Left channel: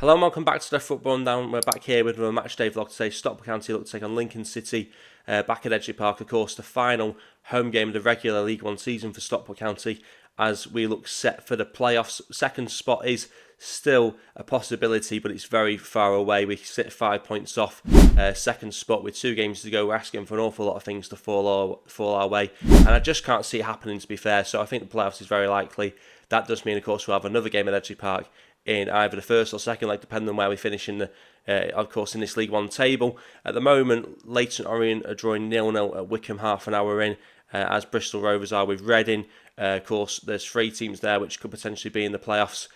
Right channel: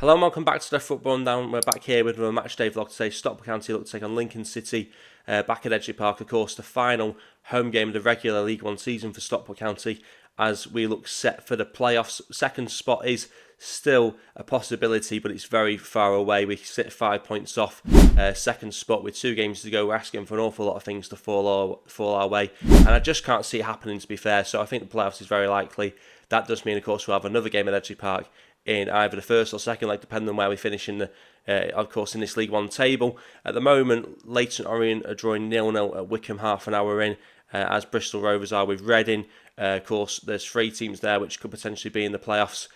Hello and welcome back to the Football Rundown. We're back here with another match day vlog today. Stockport County look to take on Lincoln City back at Edgeley Park. Of course, the final home game of the regular League One season for Stockport County as we look set for the playoffs. Second spot is still a possibility, but it's very far away. We sit 5 points off second spot with 2 games to go. We're asking for an awful lot of things to fall our way, and I just can't see it happening, to be fair. So I think the playoffs is very likely. That does mean, of course, we'll have another game at Edgeley Park in either the first or second leg, depending on where we finish in the, of course, in this League One table. At the moment, Leyton Orient are drawing 0-0 at Wickham half an hour in, as Bristol Rovers are with Reading. Of course, there's 3 teams there which could potentially be in the playoffs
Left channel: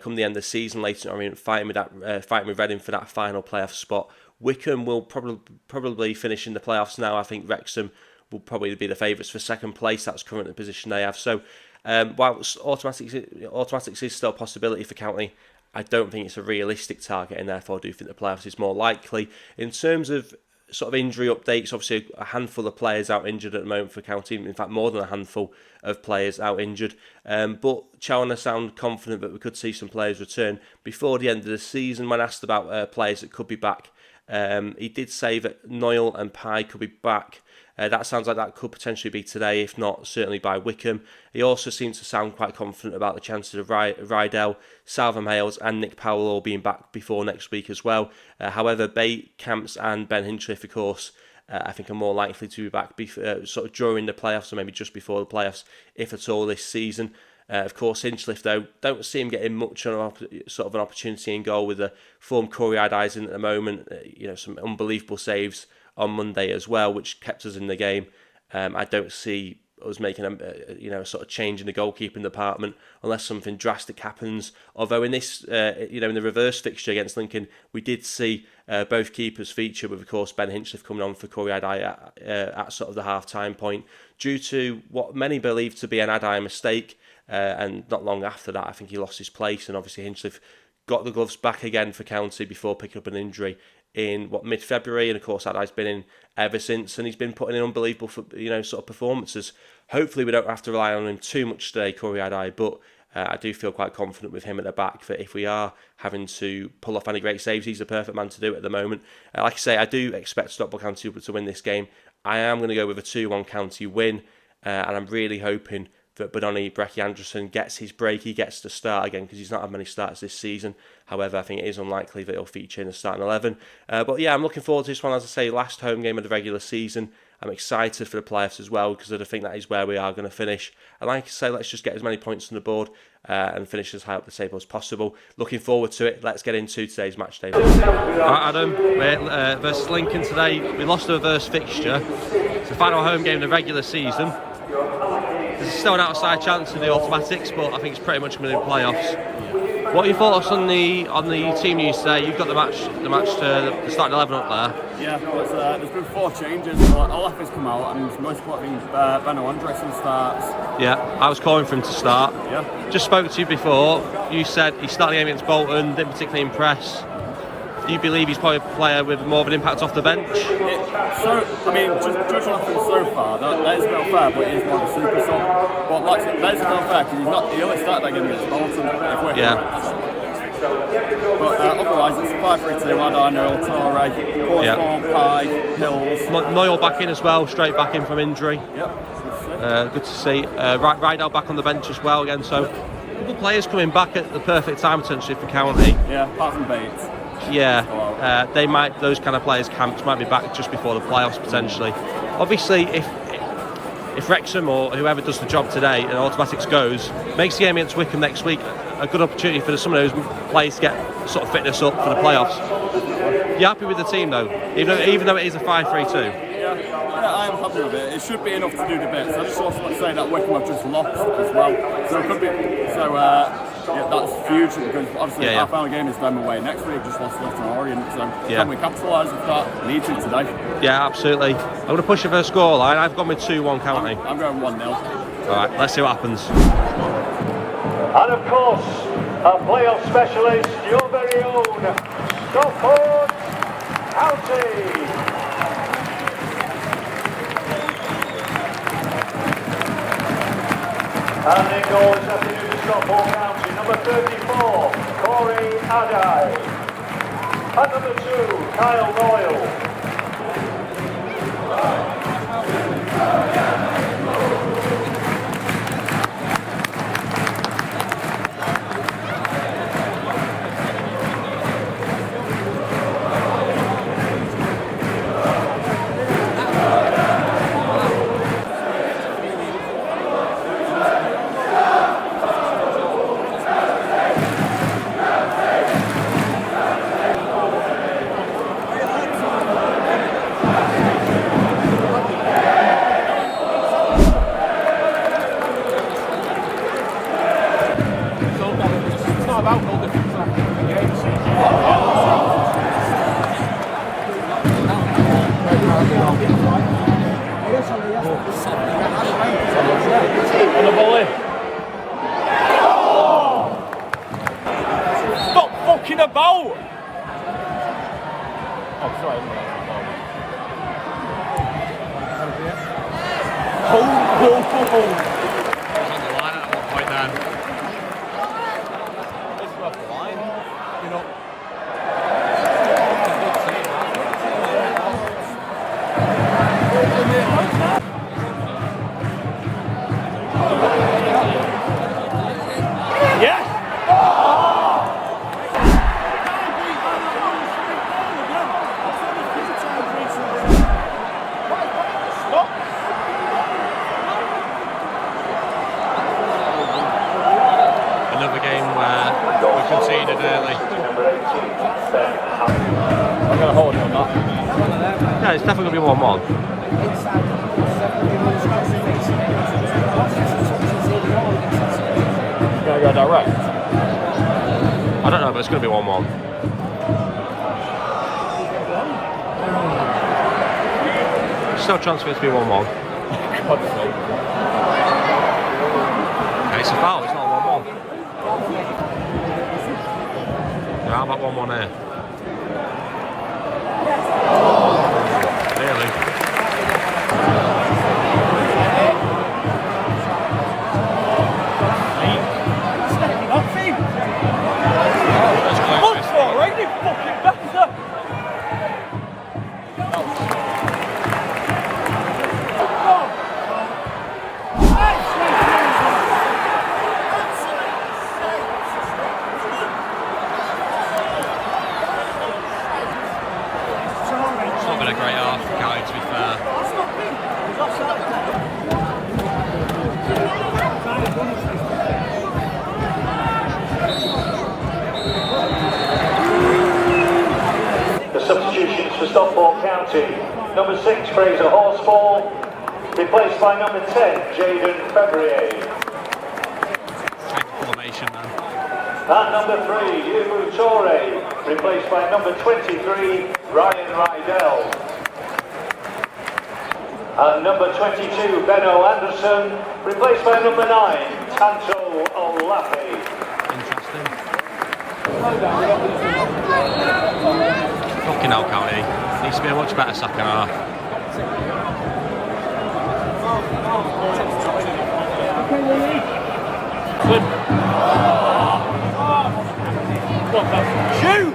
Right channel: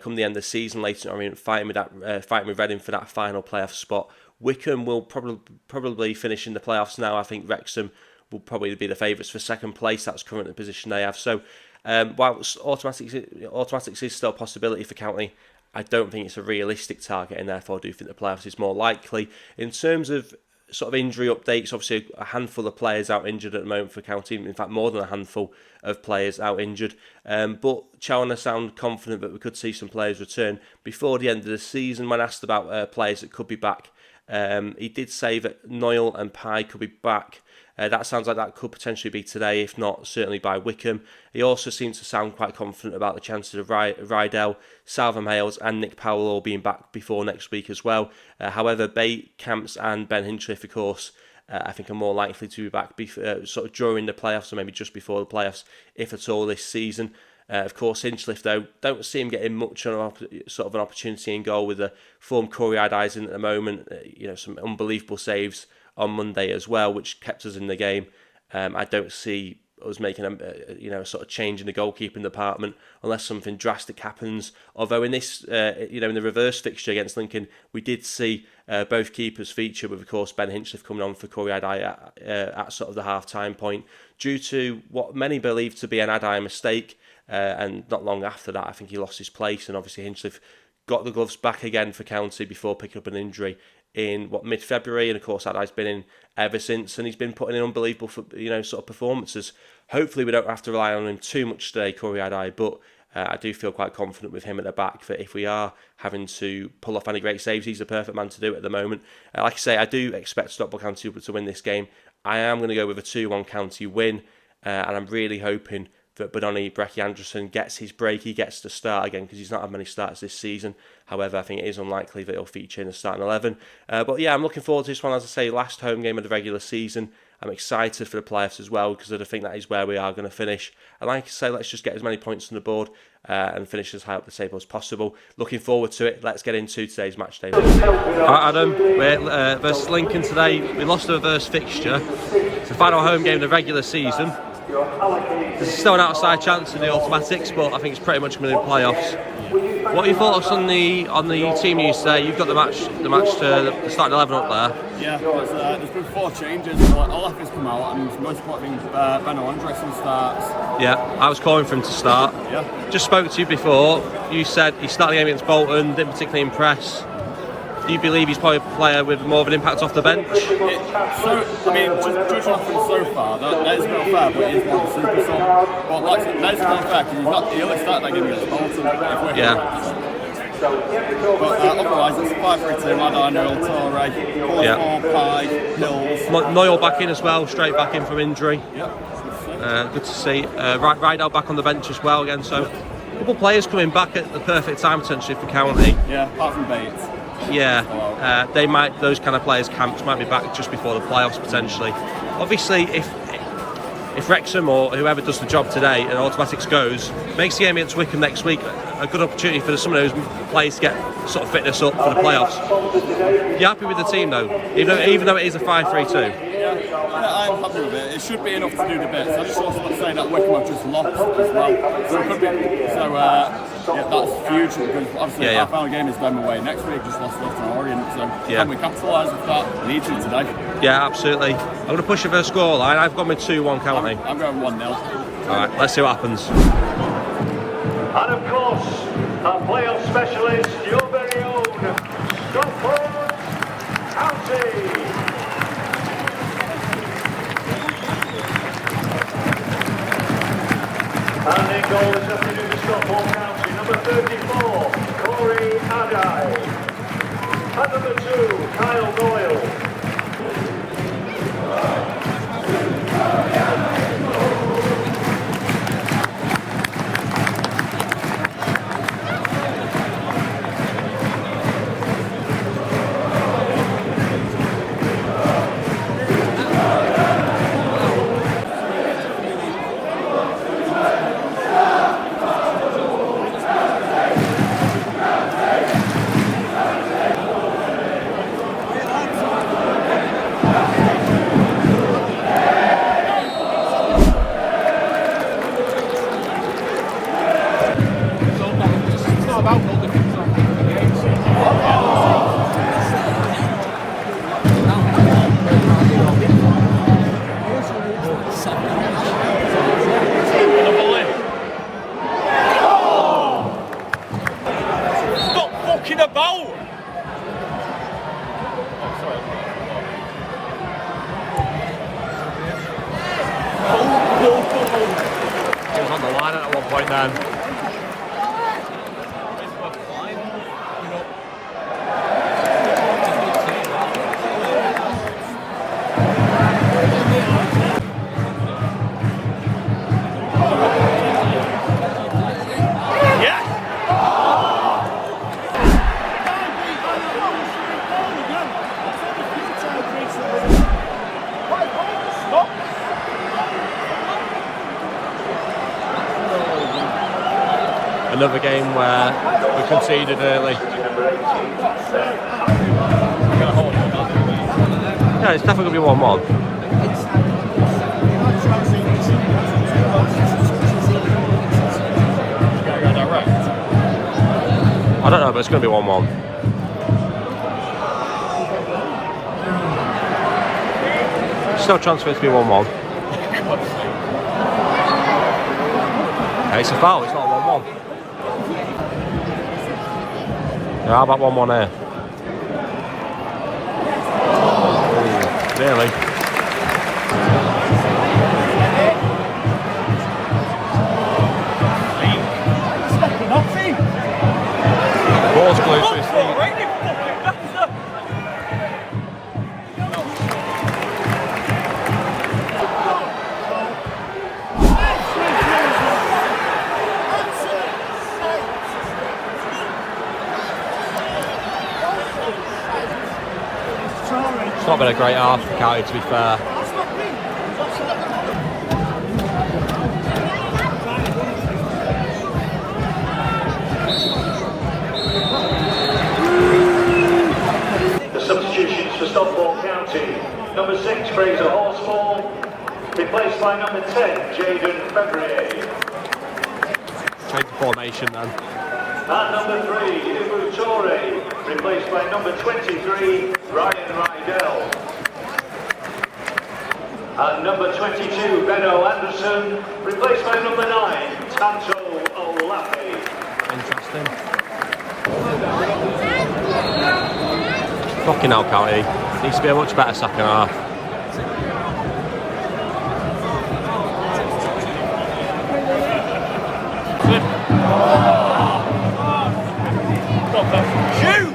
come the end of the season. Leyton Orient fighting with Reading for that final playoff spot. Wickham will probably finish in the playoffs now. I think Wrexham will probably be the favourites for second place. That's currently the position they have. So, whilst automatics is still a possibility for County, I don't think it's a realistic target, and therefore I do think the playoffs is more likely. In terms of sort of injury updates, obviously a handful of players out injured at the moment for County. In fact, more than a handful of players out injured. But Challoner sound confident that we could see some players return before the end of the season. When asked about players that could be back, he did say that Noyle and Pye could be back. That sounds like that could potentially be today, if not certainly by Wickham. He also seems to sound quite confident about the chances of Rydell, Salvam Hales and Nick Powell all being back before next week as well. However, Bate, Camps and Ben Hinchliffe, of course, I think are more likely to be back sort of during the playoffs, or maybe just before the playoffs, if at all, this season. Of course, Hinchliffe, though, don't see him getting much of an opportunity in goal with the form Corey eyes in at the moment. Some unbelievable saves on Monday as well, which kept us in the game. I don't see us making a sort of change in the goalkeeping department unless something drastic happens. Although in this, in the reverse fixture against Lincoln, we did see both keepers feature, with of course Ben Hinchliffe coming on for Corey at sort of the half-time point due to what many believe to be an Adai mistake. And not long after that, I think he lost his place, and obviously Hinchliffe got the gloves back again for County before picking up an injury in mid-February, and of course Adai's been in ever since, and he's been putting in unbelievable sort of performances. Hopefully we don't have to rely on him too much today, Corey Adai, but I do feel quite confident with him at the back that if we are having to pull off any great saves, he's the perfect man to do it at the moment. Like I say, I do expect Stockport County to win this game. I am going to go with a 2-1 County win, and I'm really hoping that Benoni Brecky Anderson gets his break. He gets to start again because he's not had many starts this season. However, I think it is unlikely that he'll feature in the starting 11. But yeah, I'm looking forward to this one. As I say, last home game of the regular season. I'm excited for the playoffs as well because I think that is where we are going to finish. And like I say, let's just get as many points on the board and finish as high up the table as possible. Looking forward to it. Let's get into today's match day. Alright, Adam, we're versus Lincoln today. We lost the reverse fixture. It's the final home game of the regular season. There's still an outside chance in the automatics, but I think it's pretty much going to be playoffs. What are your thoughts on the team news today? You've got the match to the starting 11 up there. Yeah, there's been 4 changes. Olaf has come out, and most importantly, Benno Andresen starts. Yeah, I was calling for him to start. Yeah. Just spoke to you before. You said he started the game against Bolton, didn't particularly impress. Do you believe he's probably a player with more of an impact off the bench? Judging off him so far, that is a bit unfair, but he is more of a super sub. But like, that is a bit unfair because he only started that game against Bolton. But otherwise, it's 5-3-2, Adai, Noyle, Torre, Pye, Hills. Noyle back in as well, straight back in from injury. Yeah. Good to see. Rydell back on the bench as well again, so a couple of players coming back at the perfect time potentially for County. Yeah, apart from Bates. Yeah, those kind of players, Camps, might be back just before the playoffs potentially. Obviously, if Wrexham or whoever does the job today and automatics goes, makes the game against Wickham next week a good opportunity for some of those players to get sort of fitness up for the playoffs. You happy with the team though, even though it is a 5-3-2? Yeah, I'm happy with it. It should be enough to do the bits. I just also want to say that Wickham have just lost as well, so it could be. Yeah, that's huge because obviously our final game is them away next week. Just lost Leyton Orient, so can we capitalise with that? We need to today. Yeah, absolutely. I'm going to push you for a scoreline. I've gone with 2-1 County. I'm going 1-0. All right, let's see what happens. And of course, a playoff specialist, your very own Stockport County. And in goals, nothing in the Stockport County, number 34, Corey Adai. At number 2, Kyle Doyle. He was on the line at one point then. Another game where we conceded early. Yeah, it's definitely going to be 1-1. I don't know, but it's going to be 1-1. Still a chance for it to be 1-1. Okay, it's a foul, it's not 1-1. Yeah, how about 1-1 here? Really? It's not been a great half for Cowie, to be fair. The substitutions for Stockport County. Number 6, Fraser Horsfall, replaced by number 10, Jaden Fevrier. Take the formation then. And number 3, Ibu Torre, replaced by number 23, Ryan Rydell. And number 22, Benno Anderson, replaced by number 9, Tanto Olafi. Interesting. Fucking hell, County. Needs to be a much better second half. Shoot!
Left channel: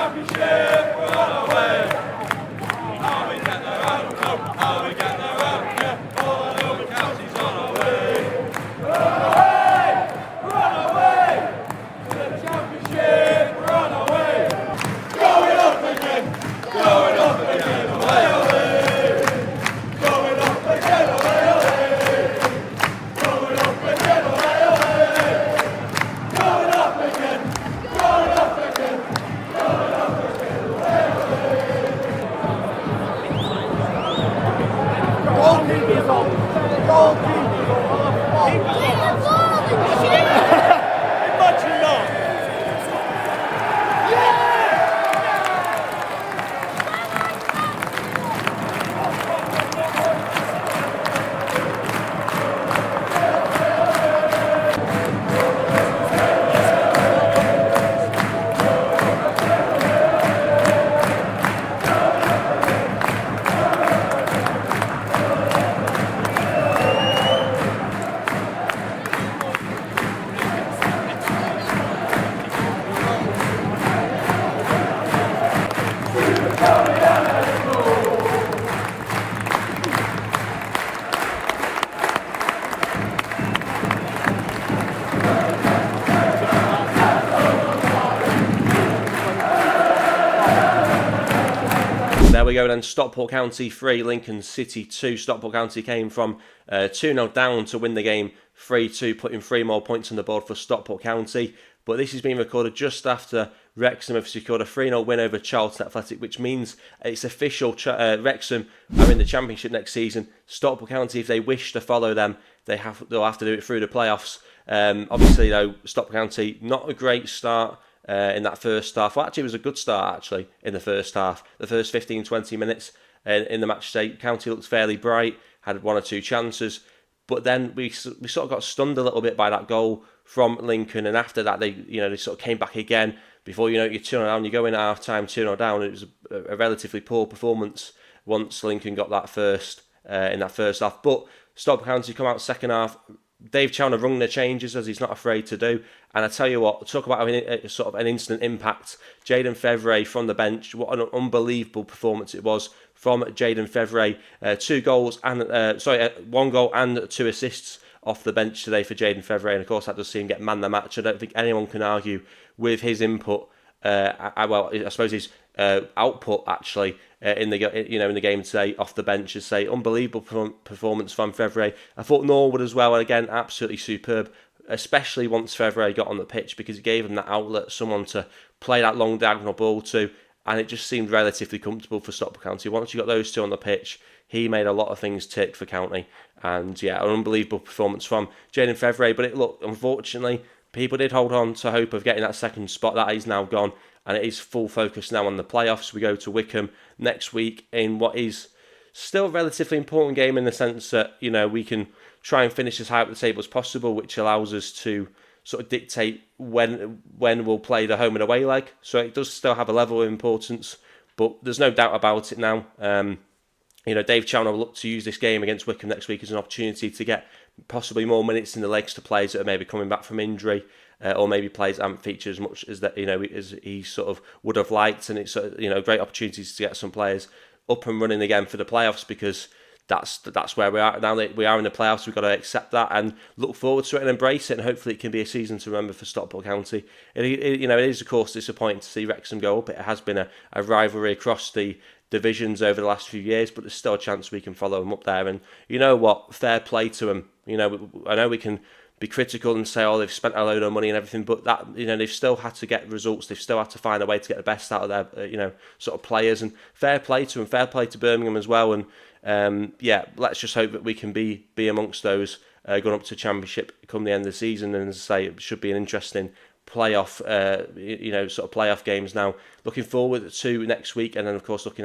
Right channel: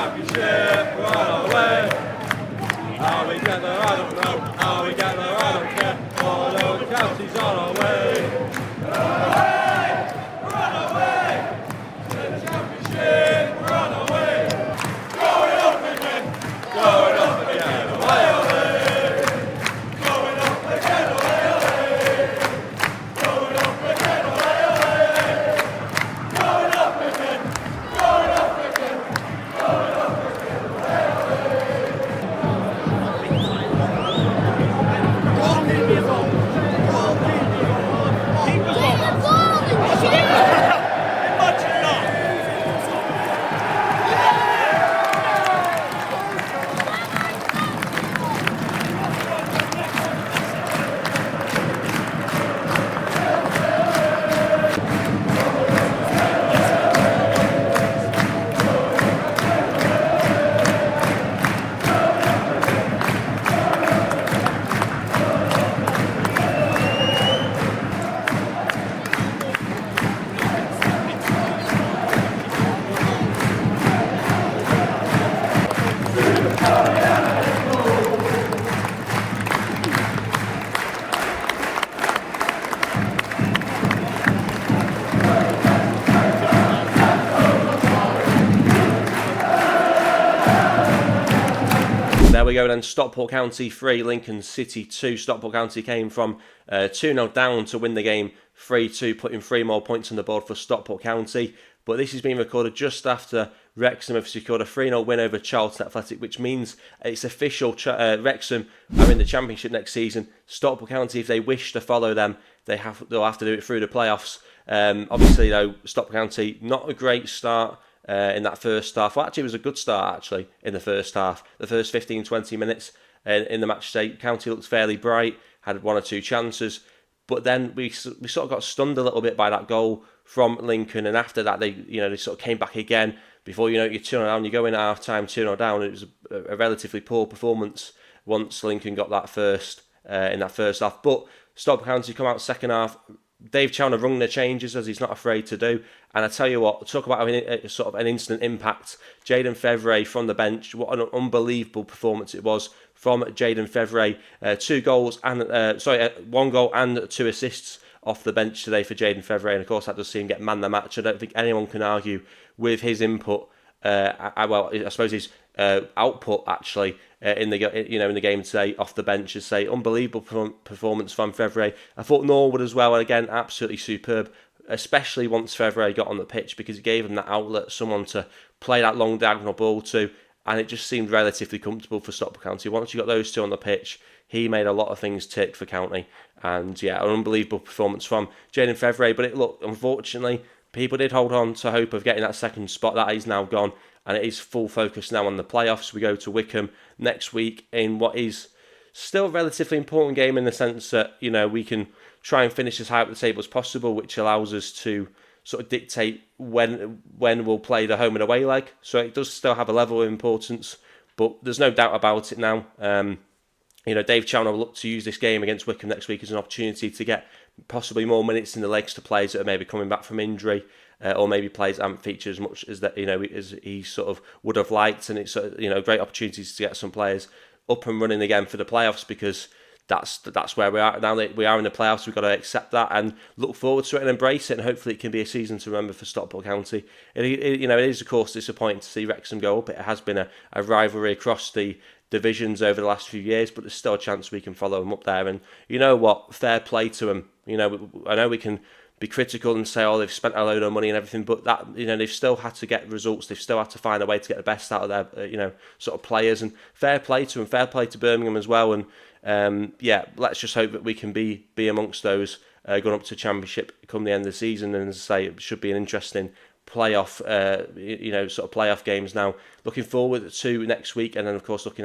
Championship, we're on our way. How we get there, I don't know. How we get there, I don't care. All I know, the county's on our way. We're on our way, we're on our way. Championship, we're on our way. Going up again, going up again. Away, away. Going up again, away, away. Going up again, away, away. Going up again, going up again. Going up again, away, away. There we go then, Stockport County 3, Lincoln City 2. Stockport County came from 2-0 down to win the game 3-2, putting 3 more points on the board for Stockport County. But this is being recorded just after Wrexham have secured a 3-0 win over Charlton Athletic, which means it's official. Wrexham are in the Championship next season. Stockport County, if they wish to follow them, they'll have to do it through the playoffs. Obviously, though, Stockport County, not a great start in that first half. Well, actually, it was a good start, actually, in the first half. The first 15-20 minutes in the match day, County looked fairly bright, had 1 or 2 chances. But then we sort of got stunned a little bit by that goal from Lincoln, and after that they sort of came back again. Before you know it, you're 2-0 down, you go in at half time 2-0 down. It was a relatively poor performance once Lincoln got that first in that first half. But Stockport County come out second half. Dave Chalner rung the changes, as he's not afraid to do. And I tell you what, talk about sort of an instant impact. Jaden Fevrier from the bench, what an unbelievable performance it was from Jaden Fevrier. 1 goal and 2 assists off the bench today for Jaden Fevrier, and of course that does see him get man the match. I don't think anyone can argue with his input. I suppose his output actually in the game today off the bench. Is say unbelievable performance from Fevrier. I thought Norwood as well, and again absolutely superb, especially once Fevrier got on the pitch, because it gave him that outlet, someone to play that long diagonal ball to, and it just seemed relatively comfortable for Stockport County. Once you got those two on the pitch, he made a lot of things tick for County, and yeah, an unbelievable performance from Jaden Fevrier. But unfortunately, people did hold on to hope of getting that second spot. That is now gone, and it is full focus now on the playoffs. We go to Wickham next week in what is still a relatively important game, in the sense that we can try and finish as high up the table as possible, which allows us to sort of dictate when we'll play the home and away leg. So it does still have a level of importance, but there's no doubt about it now. Dave Chalner will look to use this game against Wickham next week as an opportunity to get possibly more minutes in the legs to players that are maybe coming back from injury, or maybe players that haven't featured as much as as he sort of would have liked. And it's great opportunities to get some players up and running again for the playoffs, because that's where we are now. That we are in the playoffs, we've got to accept that and look forward to it and embrace it. And hopefully, it can be a season to remember for Stockport County. It is of course disappointing to see Wrexham go up. It has been a rivalry across the divisions over the last few years, but there's still a chance we can follow them up there. And you know what? Fair play to them. I know we can be critical and say, they've spent a load of money and everything, but that they've still had to get results. They've still had to find a way to get the best out of their sort of players. And fair play to them. Fair play to Birmingham as well. And let's just hope that we can be amongst those going up to Championship come the end of the season. And as I say, it should be an interesting playoff, sort of playoff games now. Looking forward to next week, and then of course looking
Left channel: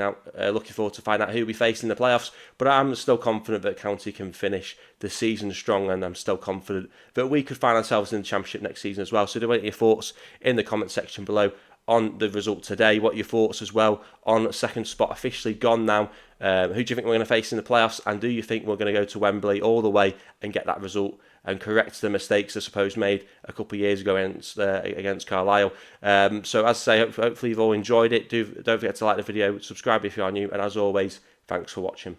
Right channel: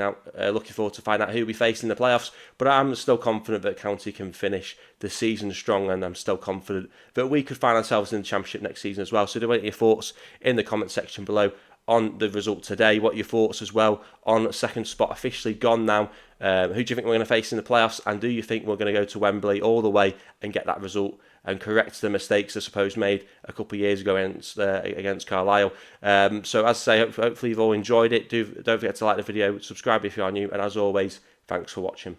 forward to find out who we face in the playoffs. But I'm still confident that County can finish the season strong, and I'm still confident that we could find ourselves in the Championship next season as well. So do want your thoughts in the comment section below on the result today. What are your thoughts as well on second spot officially gone now Who do you think we're going to face in the playoffs? And do you think we're going to go to Wembley all the way and get that result and correct the mistakes I suppose made a couple of years ago against Carlisle? So as I say, hopefully you've all enjoyed it. Don't forget to like the video, subscribe if you are new, and as always, thanks for watching.